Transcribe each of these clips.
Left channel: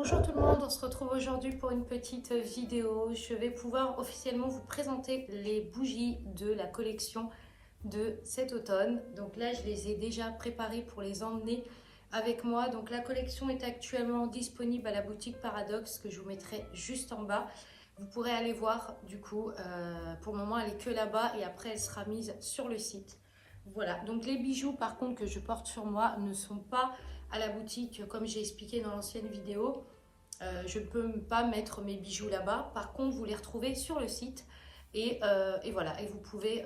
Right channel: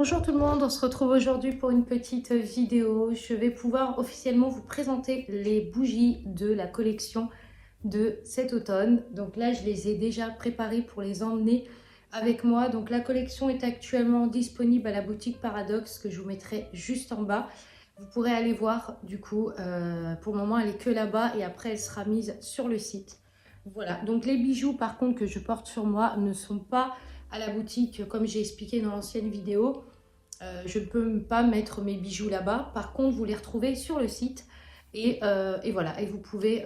Bonjour tout le monde, on se retrouve aujourd'hui pour une petite vidéo. Je vais pouvoir officiellement vous présenter les bougies de la collection de cet automne. Donc là, je les ai déjà préparées pour les emmener avec moi. Donc la collection est actuellement disponible à la boutique Paradoxe que je vous mettrai juste en bas. Vous pourrez aller voir du coup, pour le moment elle est que là-bas et après elle sera mise sur le site. Voilà, donc les bijoux par contre que je porte sur moi ne sont pas à la boutique comme j'ai expliqué dans l'ancienne vidéo. Je ne peux pas mettre mes bijoux là-bas. Par contre, vous les retrouvez sur le site. Et voilà, et vous pouvez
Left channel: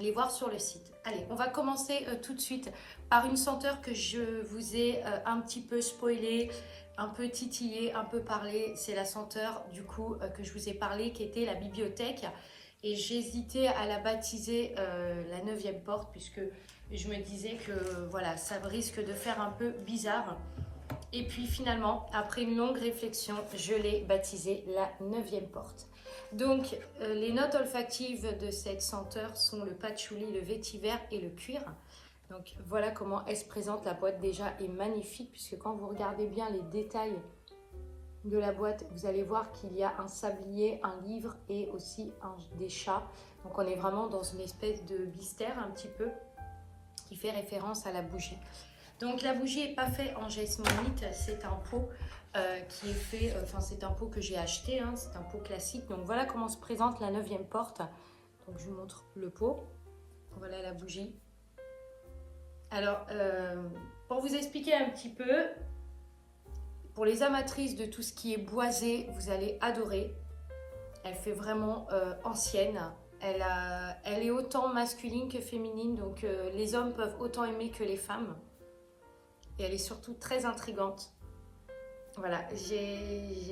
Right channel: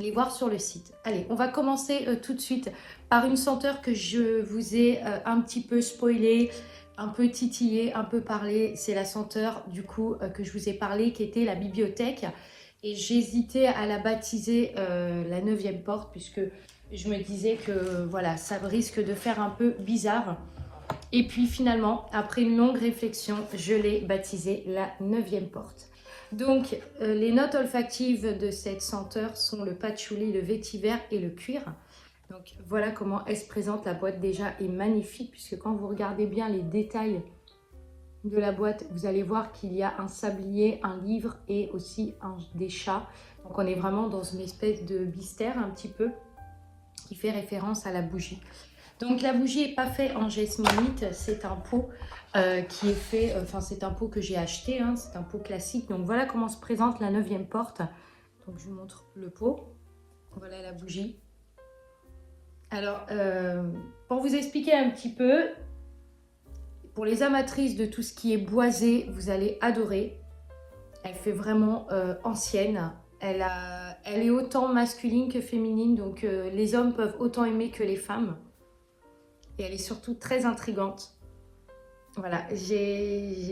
les voir sur le site. Allez, on va commencer tout de suite par une senteur que je vous ai un petit peu spoilée, un peu titillée, un peu parlé. C'est la senteur du coup que je vous ai parlé qui était la bibliothèque. Et j'hésitais à la baptiser la 9e porte puisque je me disais que voilà, ça risque de faire un peu bizarre. Et puis finalement, après une longue réflexion, je l'ai baptisée la 9e porte. Donc, les notes olfactives de cette senteur sont le patchouli, le vétiver et le cuir. Donc, voilà comment elle se présente. La boîte déjà est magnifique puisque quand vous regardez bien les détails de la boîte, vous allez voir qu'il y a un sablier, un livre et aussi des chats. Donc, on est vraiment dans une espèce de bistère un petit peu qui fait référence à la bougie. Donc la bougie n'est pas faite en jasmonite, c'est un pot qui est fait, c'est un pot que j'ai acheté, hein, c'est un pot classique. Donc voilà comment se présente la 9e porte. Donc je vous montre le pot, voilà la bougie. Alors pour vous expliquer un petit peu, pour les amatrices de tout ce qui est boisé, vous allez adorer. Elle fait vraiment ancienne. Elle est autant masculine que féminine, donc les hommes peuvent autant aimer que les femmes. Et elle est surtout très intrigante. Voilà,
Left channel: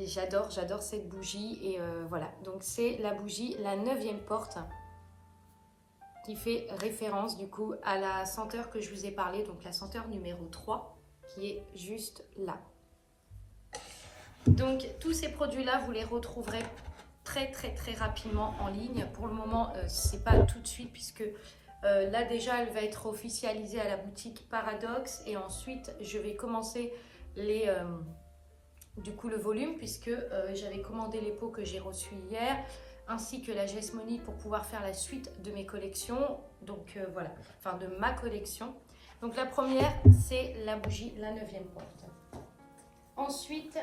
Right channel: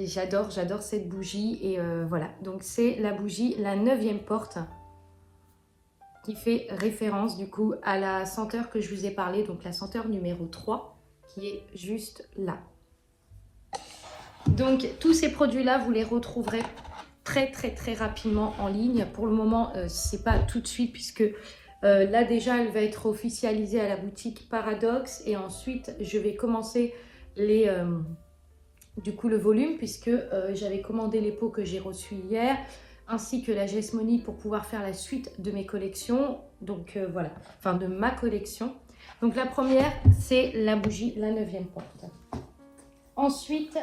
j'adore cette bougie. Et voilà, donc c'est la bougie, la 9e porte, qui fait référence du coup à la senteur que je vous ai parlé, donc la senteur numéro 3, qui est juste là. Donc tous ces produits-là, vous les retrouverez très rapidement en ligne. Pour le moment, c'est pas tout de suite puisque là déjà elle va être officialisée à la boutique Paradoxe et ensuite je vais commencer du coup le volume puisque j'avais commandé les pots que j'ai reçus hier ainsi que la jasmonite pour pouvoir faire la suite de mes collections, donc voilà, enfin de ma collection. Donc la première c'est la bougie, la 9e porte. Ensuite,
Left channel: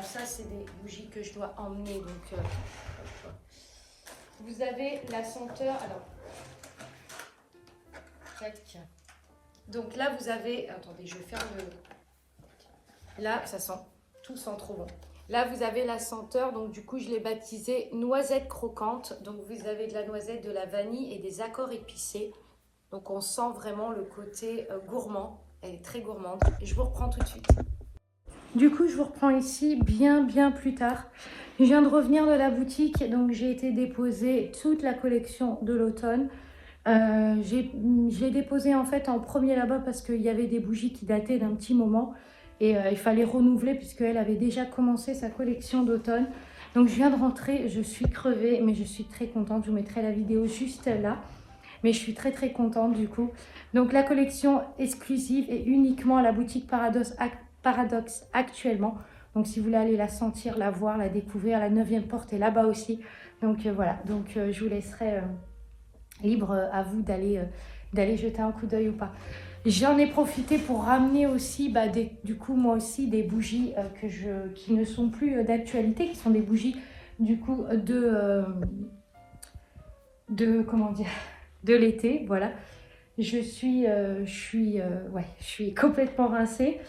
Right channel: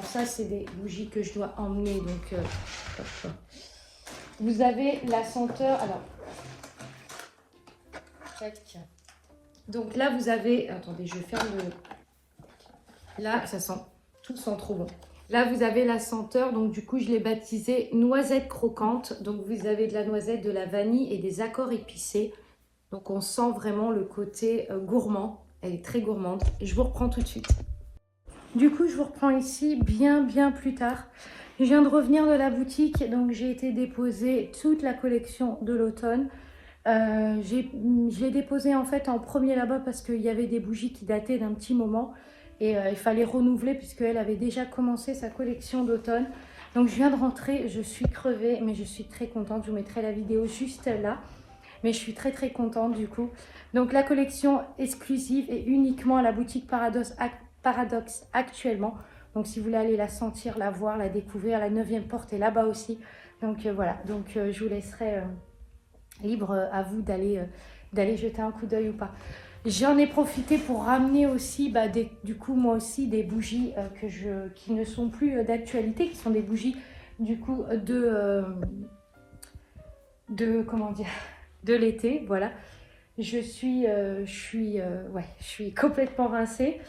ça c'est des bougies que je dois emmener, donc vous avez la senteur, alors donc là vous avez, attendez je ferme le, là ça sent, tout sent trop bon. Là vous avez la senteur, donc du coup je l'ai baptisée noisette croquante, donc vous avez de la noisette, de la vanille et des accords épicés. Donc on sent vraiment le côté gourmand, elle est très gourmande. Et je vous reprends tout de suite. Du coup je vous reprends ici bien plus tard. Je viens de revenir de la boutique, donc j'ai été déposer toute la collection de l'automne. Je l'ai déposé en fait en premier là-bas parce qu'il y avait des bougies qui dataient d'un petit moment et il fallait renouveler puisqu'elle avait déjà commencé sa collection d'automne. Donc je viens de rentrer, je suis crevée mais je suis très contente, je vous mettrai la vidéo juste là. Mais je suis très contente du coup. Donc la collection exclusive est uniquement à la boutique Paradoxe actuellement. Donc si vous voulez aller la sentir, la voir, la découvrir, la 9e porte est là-bas aussi. Donc voilà, donc je vous laisserai libre à vous d'aller jeter un coup d'œil ou pas. J'en ai profité pour ramener aussi, du coup moi aussi, des bougies qui ne sont plus d'actualité, qui sont des bougies du coup comment dire, de l'été, voilà. Je suis complètement rincée.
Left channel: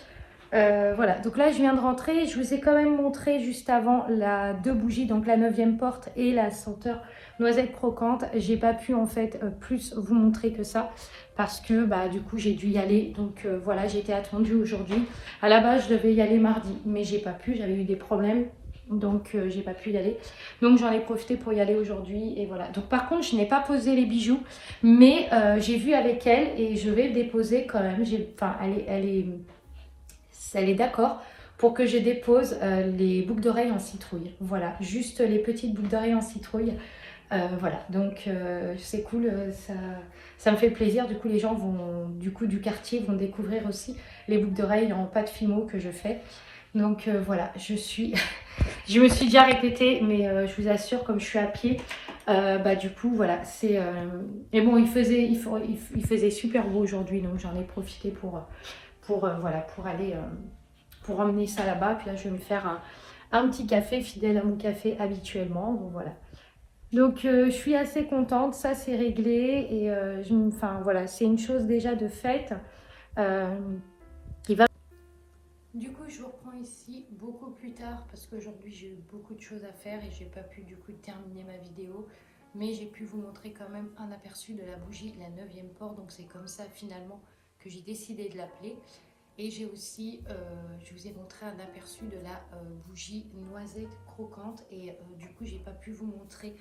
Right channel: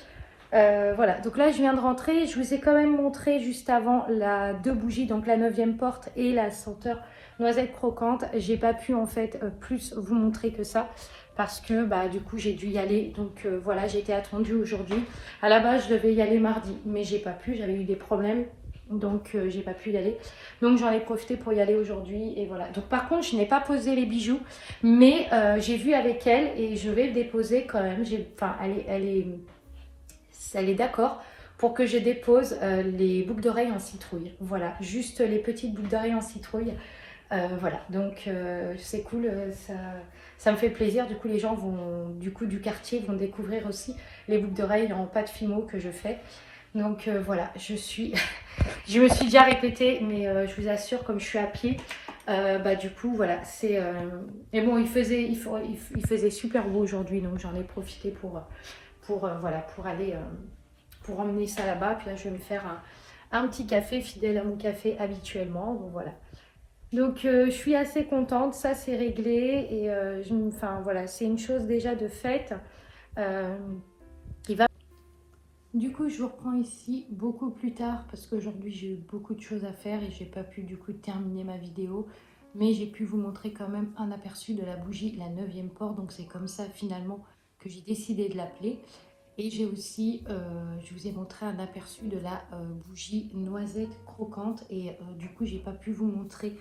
Voilà, donc là je viens de rentrer, je vous ai quand même montré juste avant deux bougies, donc la 9e porte et la senteur noisette croquante. J'ai pas pu en fait plus vous montrer que ça parce que du coup j'ai dû y aller, donc voilà, j'étais attendue aujourd'hui. À la base je devais y aller mardi mais j'ai pas pu, j'avais eu des problèmes, donc j'ai pas pu y aller, donc j'en ai profité pour y aller aujourd'hui. Et voilà, donc par contre je n'ai pas posé les bijoux mais j'ai vu avec elle et je vais le déposer quand même. Enfin elle est d'accord pour que je dépose les boucles d'oreilles en citrouille. Voilà, juste les petites boucles d'oreilles en citrouille. Voilà, donc c'est cool, ça me fait plaisir. Du coup, les gens du quartier vont découvrir aussi les boucles d'oreilles en pâte fimo que je fais. Donc voilà, je me suis déjà répétée, mais je vous assure, comme je suis à pied, bah du coup voilà, c'est... Mais bon, il faisait super beau aujourd'hui, donc j'en ai profité voilà, pour aller... pour emmener ça là-bas. Puis là, je vais me faire un petit café, fidèle à mon café habituellement. Donc voilà. Donc je suis assez contente, ça c'est réglé. Et enfin voilà, c'est une chose déjà de faite. Qui va... Du coup, je vous reprends ici beaucoup plus tard parce qu'aujourd'hui j'ai eu beaucoup de choses à faire et j'ai pas pu du coup terminer ma vidéo. Mais j'ai pu vous montrer quand même un aperçu de la bougie, la 9e port. Donc c'est comme ça finalement que j'ai décidé de l'appeler. Et j'ai aussi, je vous ai montré un aperçu de la bougie noisette croquante. Et du coup, j'ai pas pu vous montrer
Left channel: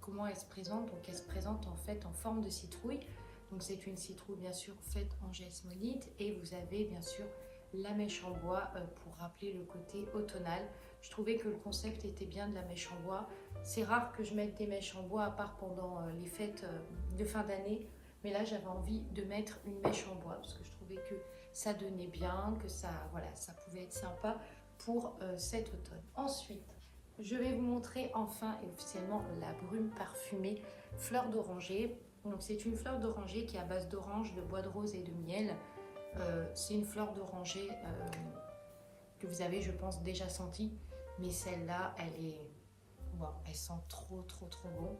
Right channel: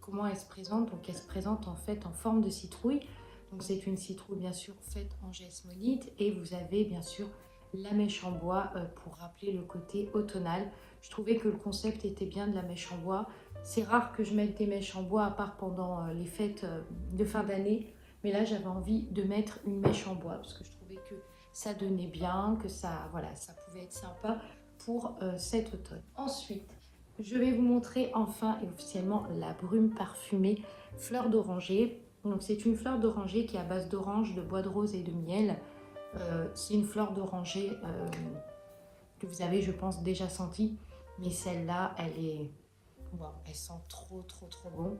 comment elle se présente. Donc elle se présente en fait en forme de citrouille. Donc c'est une citrouille bien sûr faite en jasmonite. Et vous avez bien sûr la mèche en bois pour rappeler le côté automnal. Je trouvais que le concept était bien de la mèche en bois. C'est rare que je mette des mèches en bois à part pendant les fêtes de fin d'année. Mais là, j'avais envie de mettre une mèche en bois parce que je trouvais que ça donnait bien, que ça, voilà, ça pouvait être sympa pour cet automne. Ensuite, je vais vous montrer enfin et officiellement la brume parfumée fleur d'oranger. Donc c'est une fleur d'oranger qui est à base d'orange, de bois de rose et de miel. C'est une fleur d'oranger que vous avez, je pense, déjà sentie. Mais celle-là, wow, elle sent trop, trop, trop bon.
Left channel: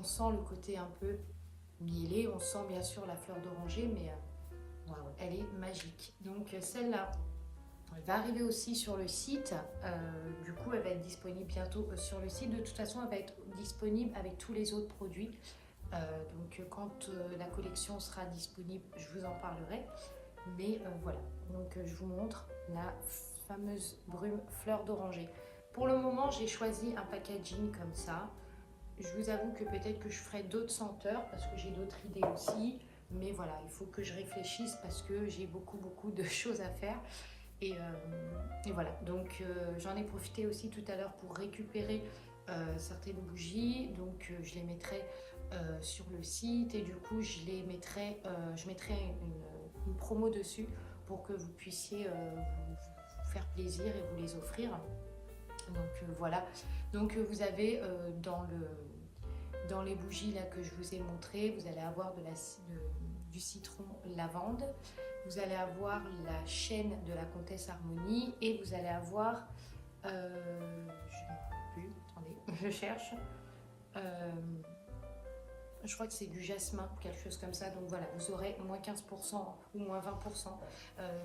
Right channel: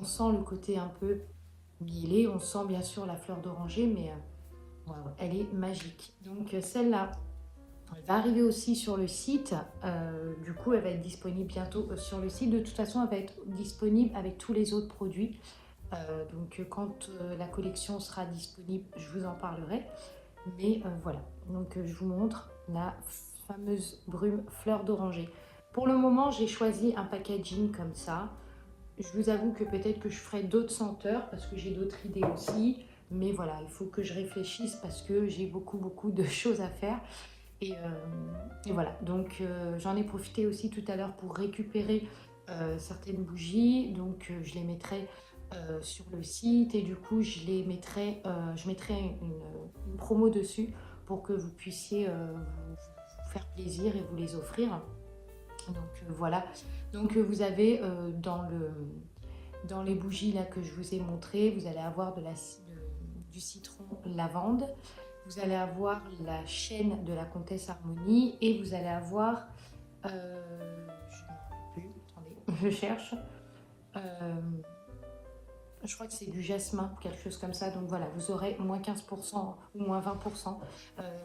On sent le côté un peu mielé. On sent bien sûr la fleur d'oranger, mais wow, elle est magique. Donc celle-là, elle va arriver aussi sur le site. Du coup, elle va être disponible bientôt sur le site. De toute façon, elle va être disponible avec tous les autres produits. Donc quand la collection sera disponible, je vous en parlerai. Mais voilà, donc je vous montre la fameuse brume fleur d'oranger. Pour le moment, j'ai choisi un packaging comme ça. Je vous avoue que peut-être que je ferai d'autres senteurs parce que j'ai d'autres idées aussi. Mais voilà, il faut que je réfléchisse parce que j'ai beaucoup de choses à faire. Et voilà, donc j'en ai profité aussi tout à l'heure pour récupérer certaines bougies. Donc je les mettrai sur le site et du coup je mettrai une promo dessus pour que vous puissiez vous faire plaisir et vous les offrir. Donc voilà, donc vous avez dans les bougies là que je vous ai montré, vous allez avoir du citron lavande, vous allez avoir la chaîne de la comtesse Harmonie et vous allez avoir, je ne me rappelle plus, attendez, je cherche, je crois que c'est du jasmin, quelque chose comme ça. Donc voilà, vous aurez moins 15% ou moins 20%.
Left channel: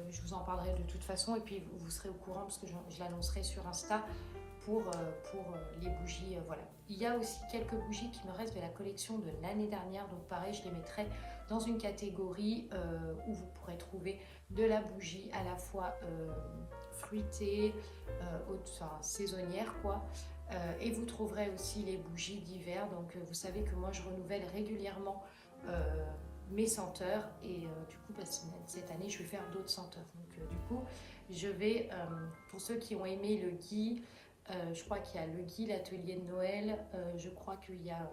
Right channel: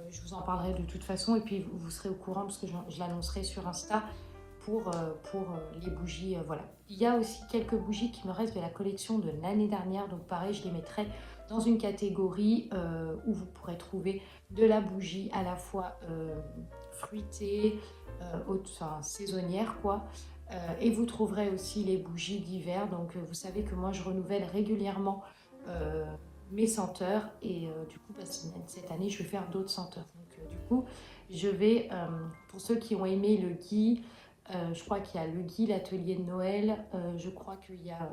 Je vous en parlerai de toute façon et puis vous serez au courant parce que je l'annoncerai sur Insta pour les bougies. Voilà. Il y a aussi quelques bougies qui me restent de la collection de l'année dernière. Donc pareil, je les mettrai dans une catégorie où vous pourrez trouver de la bougie à la fois fruitée, enfin, saisonnière quoi. Et vous trouverez aussi les bougies d'hiver. Donc vous savez que moi je renouvelle régulièrement mes senteurs et du coup cette année je vais faire d'autres senteurs. Donc du coup je vais, pour ceux qui ont aimé le gui, je crois qu'il y a le gui, l'atelier de Noël, je crois qu'il y a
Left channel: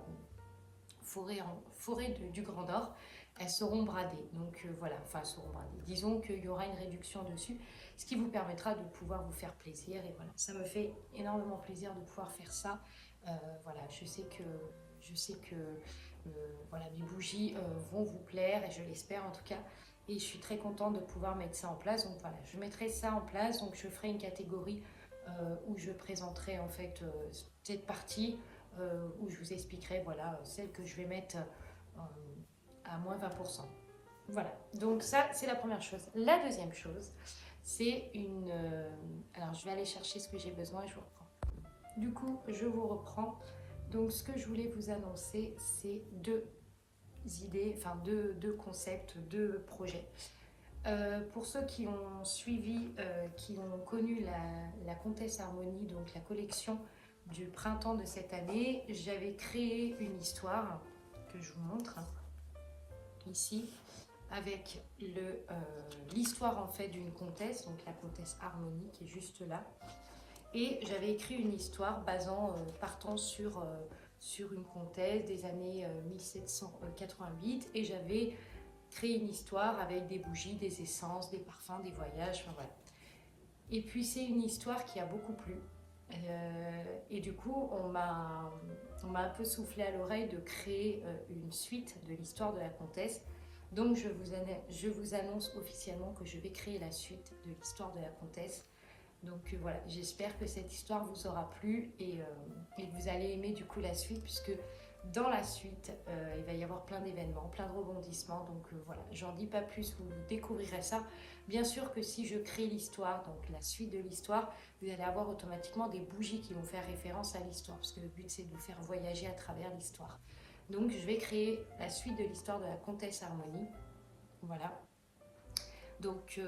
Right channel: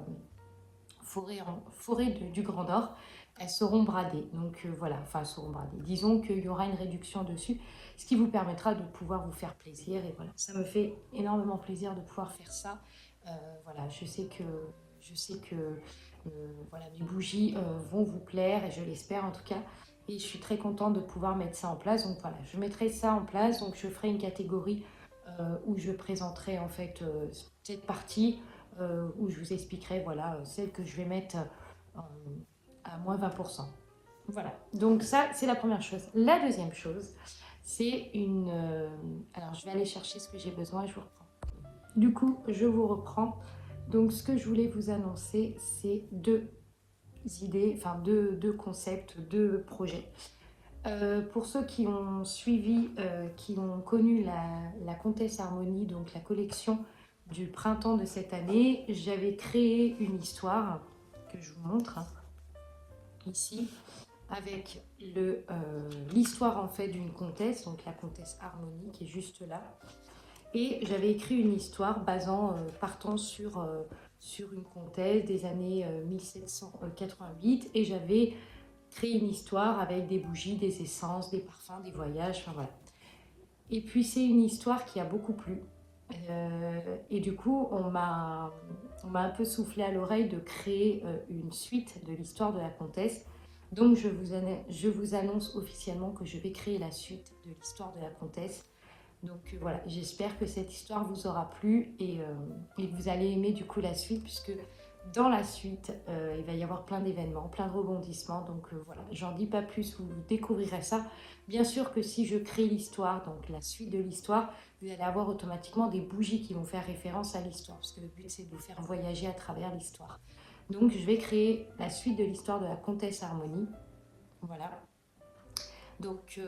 forêt du Grand Nord, elles seront bradées. Donc voilà, enfin elles seront bradées. Disons qu'il y aura une réduction dessus, ce qui vous permettra de pouvoir vous faire plaisir. Et voilà, ça me fait énormément plaisir de pouvoir faire ça. Voilà, je sais que voilà, mes bougies vont vous plaire et je l'espère en tout cas. Et je suis très contente de pouvoir mettre ça en place. Donc voilà, je mettrai ça en place. Donc je ferai une catégorie où je présenterai en fait cette partie où je vous expliquerai voilà, celle que je vais mettre à moins 20%. Voilà, donc ça c'est la première chose. La deuxième chose, c'est une... alors je vais aller chercher ce que j'ai besoin et je vous reprends. Du coup, je vous reprends. Donc ce que je voulais vous annoncer, c'est deux idées, enfin deux concepts, deux projets. Pour ceux qui ont suivi, qui ont connu la Comtesse Harmonie, donc la collection du printemps de cette année, j'avais créé une histoire que je vous montre ici, avec l'histoire en fait d'une comtesse, donc la comtesse Harmonie qui est juste là. Et j'avais écrit une histoire partant sur une comtesse des années 1788 et j'avais créé une histoire avec des bougies, des essences, des parfums, des voyages, enfin voilà. Et puis c'est une histoire qui a beaucoup plu. Et du coup, on m'a un peu soufflé à l'oreille de créer une suite de l'histoire de la comtesse. Donc je vous annonce officiellement que je vais créer la suite de l'histoire de la comtesse. Donc voilà, j'espère que cette histoire vous aura plu et que vous allez aimer du coup la suite, puisque dans la suite, il va y avoir plein d'événements, plein de rebondissements. Donc voilà, j'en dis pas plus, vous découvrirez ça. Bien sûr que si je crée l'histoire, donc la suite de l'histoire, vous allez avoir automatiquement des bougies qui vont faire référence à l'histoire, parce que le but c'est de vous faire voyager à travers l'histoire. Donc je vais créer la suite de l'histoire de la comtesse Harmonie. Voilà. Donc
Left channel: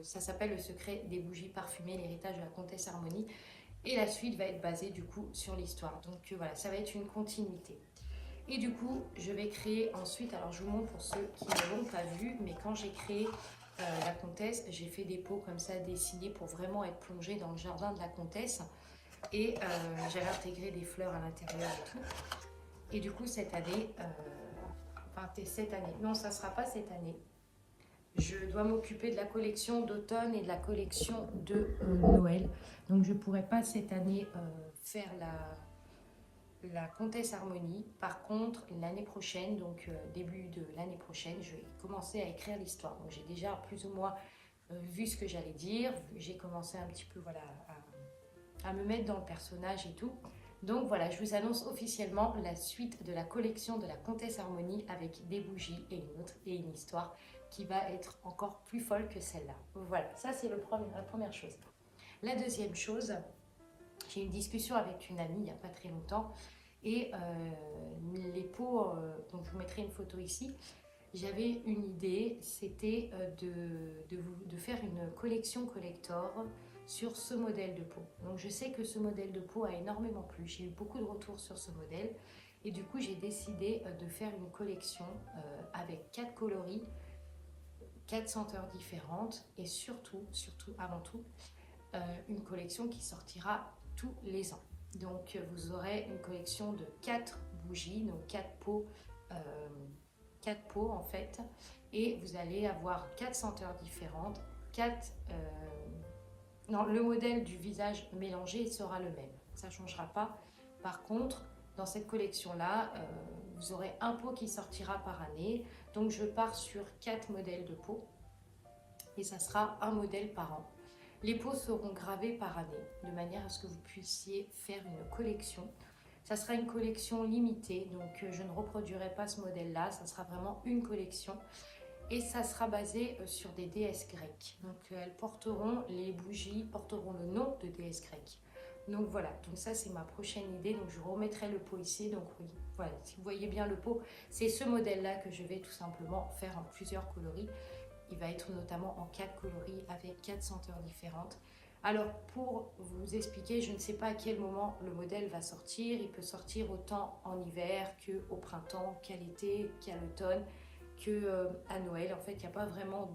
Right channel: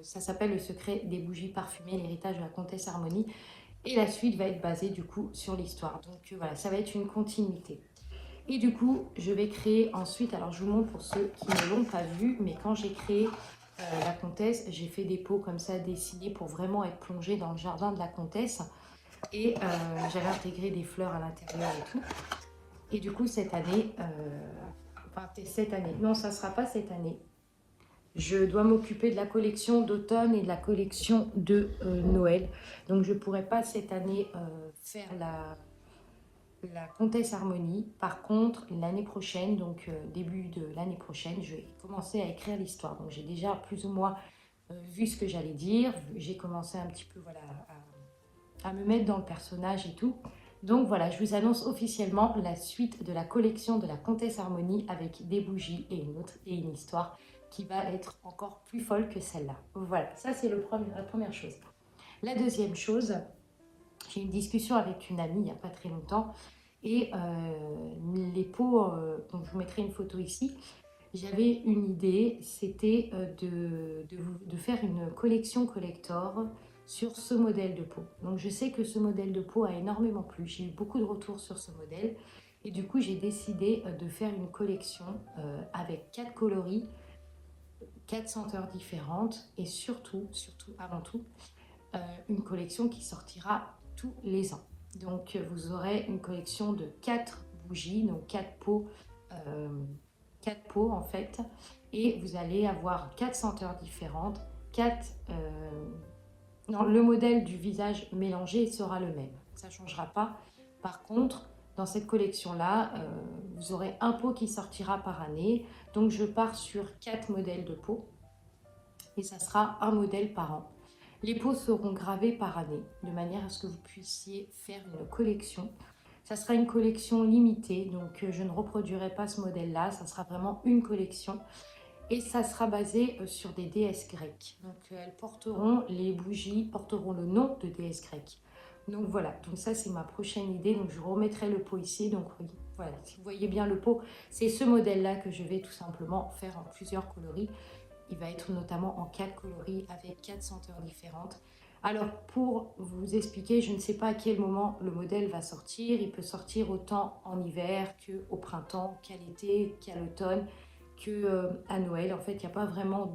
ça s'appelle Le secret des bougies parfumées, l'héritage de la comtesse Harmonie. Et la suite va être basée du coup sur l'histoire. Donc voilà, ça va être une continuité. Et du coup, je vais créer ensuite, alors je vous montre pour ceux qui ne l'ont pas vu, mais quand j'ai créé la comtesse, j'ai fait des pots comme ça dessinés pour vraiment être plongée dans le jardin de la comtesse. Et j'avais intégré des fleurs à l'intérieur et tout. Et du coup, cette année, non, ça ne sera pas cette année. Je dois m'occuper de la collection d'automne et de la collection de Noël. Donc je ne pourrai pas cette année faire la comtesse Harmonie. Par contre, l'année prochaine, donc début de l'année prochaine, je vais commencer à écrire l'histoire. Donc j'ai déjà plus ou moins vu ce que j'allais dire. J'ai commencé un petit peu voilà, à me mettre dans le personnage et tout. Donc voilà, je vous annonce officiellement la suite de la collection de la comtesse Harmonie avec des bougies et une histoire qui va être encore plus folle que celle-là. Voilà, ça c'est la première chose. La deuxième chose, j'ai eu une discussion avec une amie il n'y a pas très longtemps et les pots, donc je vous mettrai une photo ici, j'avais une idée, c'était de faire une collection collector sur ce modèle de peau. Donc je sais que ce modèle de peau a énormément plu, j'ai eu beaucoup de retours sur ce modèle et du coup j'ai décidé de faire une collection avec 4 coloris, 4 senteurs différentes et surtout avant tout, une collection qui sortira tous les ans. Donc vous aurez une collection de 4 bougies, donc 4 pots, 4 pots en fait, et vous allez avoir 4 senteurs différentes, 4... non, le modèle du visage mélangé sera le même, ça ne changera pas. Par contre, dans cette collection-là, vous aurez un pot qui sortira par année. Donc je pars sur 4 modèles de pots et ça sera un modèle par an. Les pots seront gravés par année, de manière à ce que vous puissiez faire une collection. Ça sera une collection limitée, donc je ne reproduirai pas ce modèle-là, ça sera vraiment une collection. Et ça sera basé sur des déesses grecques. Donc elles porteront, les bougies porteront le nom de déesses grecques. Donc voilà, donc ça c'est ma prochaine idée, donc je remettrai le pot ici. Donc oui, voilà, si vous voyez bien le pot, c'est ce modèle-là que je vais tout simplement faire en plusieurs coloris. Il va être notamment en 4 coloris avec 4 senteurs différentes. Alors pour vous expliquer, je ne sais pas à quel moment le modèle va sortir. Il peut sortir autant en hiver qu'au printemps, qu'à l'été, qu'à l'automne, qu'à Noël. En fait, il n'y a pas vraiment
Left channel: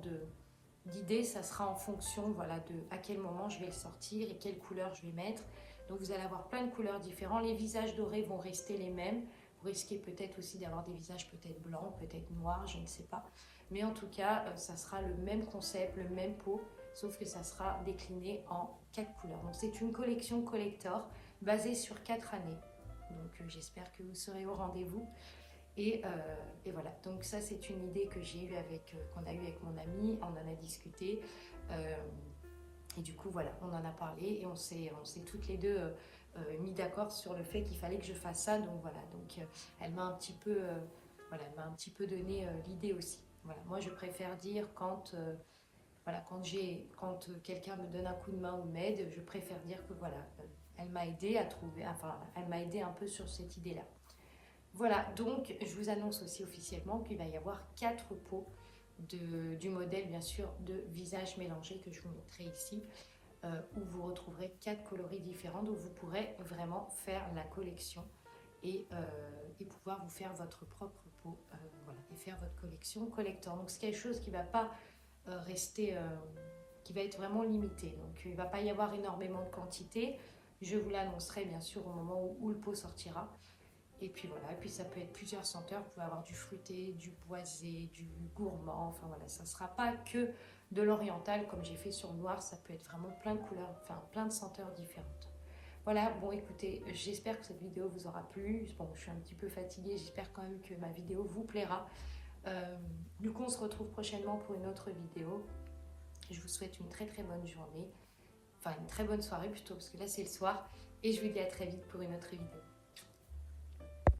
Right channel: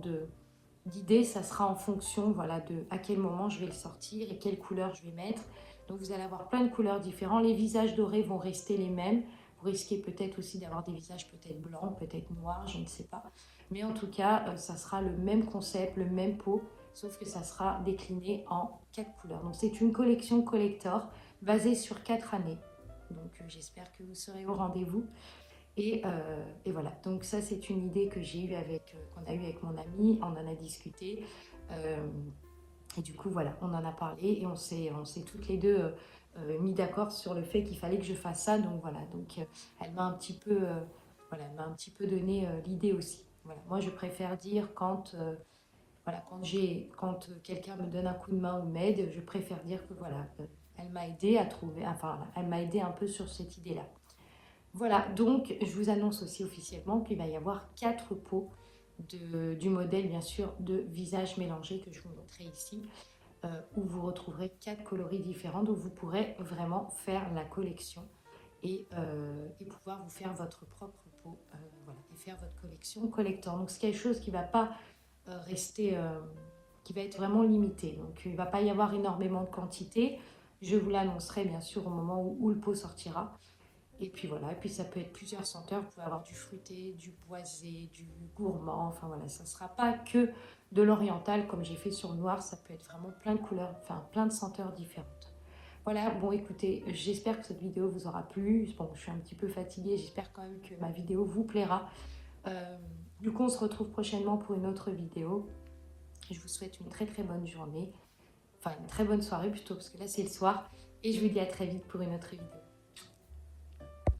d'idée. Ça sera en fonction voilà, de à quel moment je vais le sortir et quelle couleur je vais mettre. Donc vous allez avoir plein de couleurs différentes. Les visages dorés vont rester les mêmes. Vous risquez peut-être aussi d'avoir des visages peut-être blancs, peut-être noirs, je ne sais pas. Mais en tout cas, ça sera le même concept, le même pot, sauf que ça sera décliné en 4 couleurs. Donc c'est une collection collector basée sur 4 années. Donc j'espère que vous serez au rendez-vous. Et voilà, donc ça c'est une idée que j'ai eue qu'on a eue avec mon ami, on en a discuté. Et du coup voilà, on en a parlé et on s'est toutes les deux mis d'accord sur le fait qu'il fallait que je fasse ça. Donc voilà, donc elle m'a un petit peu, voilà, elle m'a un petit peu donné l'idée aussi. Voilà, moi je préfère dire quand voilà, quand quelqu'un me donne un coup de main ou m'aide, je préfère dire que voilà, elle m'a aidé à trouver, enfin elle m'a aidé un peu sur cette idée-là. Voilà, donc je vous annonce aussi officiellement qu'il va y avoir 4 pots du modèle bien sûr de visage mélangé que je vous montrerai ici, où vous retrouverez 4 coloris différents, donc vous pourrez vraiment faire la collection et pouvoir vous faire votre propre pot, voilà, et faire votre collection collector. Donc c'est quelque chose qui ne va pas rester, qui va être vraiment limité, donc il ne va pas y avoir énormément de quantité. Je vous l'annoncerai bien sûr au moment où le pot sortira. Et puis voilà, et puis ça peut être plusieurs senteurs. Vous pouvez avoir du fruité, du boisé, du gourmand. Enfin voilà, ça ne sera pas que de l'oriental comme j'ai fait sur le noir. Ça peut être vraiment plein de couleurs, enfin plein de senteurs différentes. Voilà, bon écoutez, j'espère que cette vidéo vous aura plu. Bon, je suis un petit peu fatiguée, j'espère quand même que ma vidéo vous plaira. Du coup, on se retrouve prochainement pour une autre vidéo. Je vous souhaite une très très bonne journée. Enfin, une très bonne soirée plutôt, parce que là c'est le soir. Et je vous dis à très vite pour une autre vidéo.